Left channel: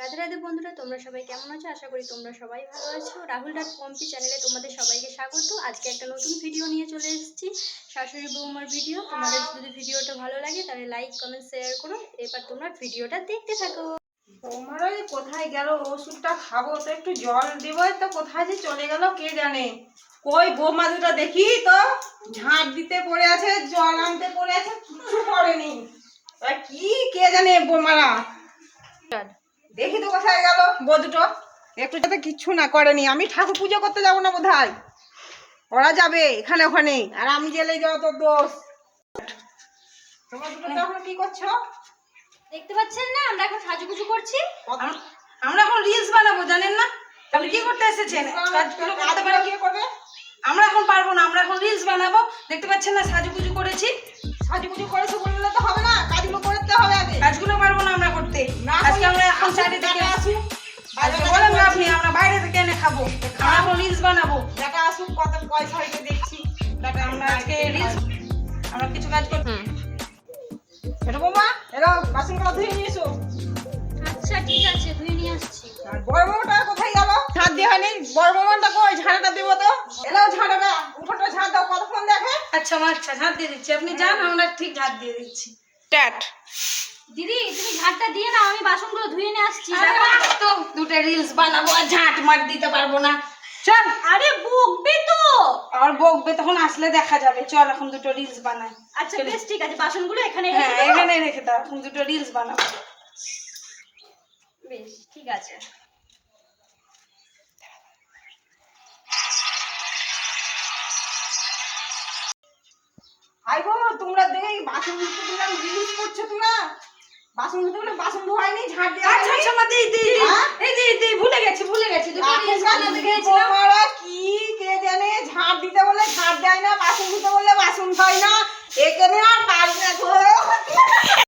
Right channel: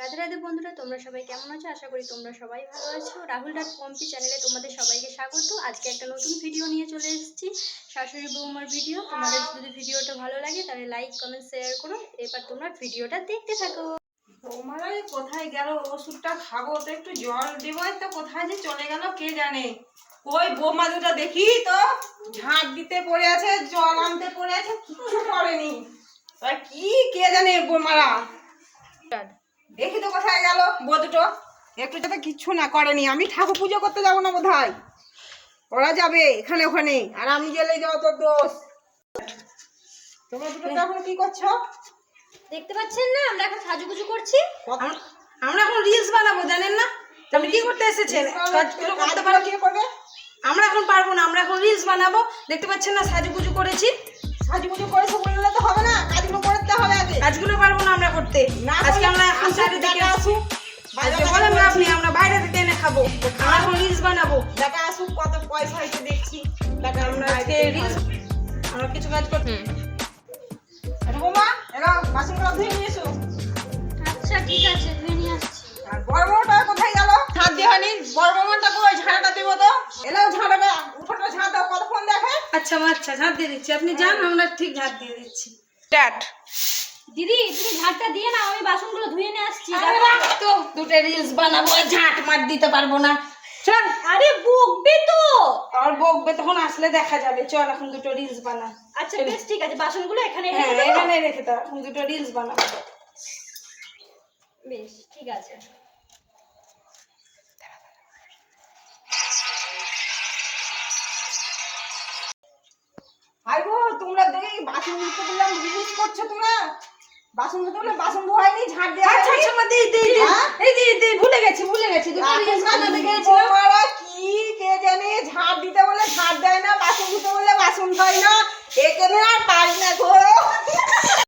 রাধে রাধে বন্ধুরা, তোমরা সবাই কেমন আছো? আশা করি তোমরা সবাই ভালো আছো। রাহুল ডট পম্পি চ্যানেলে তোমাদের সবাইকে স্বাগত। আজকে একটা নতুন ভিডিও নিয়ে চলে এসেছি, শাশুড়ি বৌমার ভিডিও। তোমাদের যদি ভিডিওটা ভালো লাগে তাহলে লাইক কমেন্ট শেয়ার করো। এবার তোমরা ভিডিওটা দেখতে থাকো। বৌমারা কোথায় গেল? ওষুধটা খাবো তো একটু জল দেবো, তো কোথায় যে চলে গেল কে জানে। কই বৌমা দুটো দেখি তো, ঝাঁট দিতে পড়ে আছে, জল আনতে পড়ে আছে, কিচ্ছু করেনি। কি কে জানে বৌমারা, দেখি তো কোথায় গেল বউ দুটো। একটু যাতে কিচ্ছু না করেনি। আমি ঠাকুর পুজো করতে যাবো না বোধহয়, ওরা যাবে এখানে ওখানে, আর আমি গেলে যাও তোর দোষ। তোমরা দুটো তখন কি করছো দেখতে পাচ্ছেন না? আমরা এখন সাজুগুজু করছি। আমরা এখন রিলস বানাবো, জানেন না? আপনি কি করতে এসেছেন? আমরা এখন পারবো না, আমরা এখন রিলস বানাবো। দেখতে পাচ্ছেন না সাজুগুজু করেছি। সাজুগুজু করেছো বললে তো হবে না, কাজগুলো করতে হবে আগে। কাজগুলো পারবো না আমরা করতে। আজকে আমরা এখন চারিদিকে আসুক, আজকে বলেন না আপনি, আমরা বাইরে থেকে এনে খাবো। আমরা এখন রিলস বানাবো, দেখা আসুক কত পয়সা হয়েছে দেখছি। দেখা আমরা আজকে রিলস, আমরা কিছু কাজ করছি। এটা বৌমা, এরা বাসনগুলো ধুয়ে নিয়ে এসো। আচ্ছা ঠিক আছে, ধুয়ে নিয়ে আসছি। আর বড় বড়টা কোথায় গেল? ঝাঁট দেওয়া নেই। বড় বড়টা কই? ঝাঁটাটা দিব তো। এলাও ঝাঁটাবে, উঠোটা ঝাঁট দাও, কতক্ষণ দেখে। আচ্ছা আচ্ছা, ঝাঁট দিয়ে দিচ্ছি, আপনি যান, আমরা ঠিক ঝাঁট দিয়ে দিচ্ছি। স্টার্ট। দিদি তুমি ঝাঁটটা দিয়ে না, আমি বাসনগুলো ধুয়ে নিয়ে আসছি। তো দুটো রিলস বানাবো আর ঝাঁট মার দিতে পারবো না। চল। আরে বকবে তো। আর বকবে তখন আসলে দেখা যাবে। চল এখন দুটো রিলস বানাই। আচ্ছা বেশ ঠিক আছে, বাসনগুলো এখানে হ্যাঁ রেখে দাও। এখানে রেখে দাও, এখন দুটো রিলস বানাবো। বেশ ঠিক আছে। আই গো, তোমরা দেখে বাসন ধুতে বললাম, রিলস করছো তোমরা। বাসন ধুতে বলে বাসন ধোয়াইনি, ঝাঁট দেওয়া। আচ্ছা আচ্ছা মা, দেই দেই দেই। এই দেই, ভুলে গেছি দুটো রিলস বানাতে গিয়েছিলাম। তোমরা কি কে জানে, ঝাঁট দিতে বলে ঝাঁট দেয় না, বাসন ধুতে বলে বাসন ধোয় না। এখানে আর পারি না গো।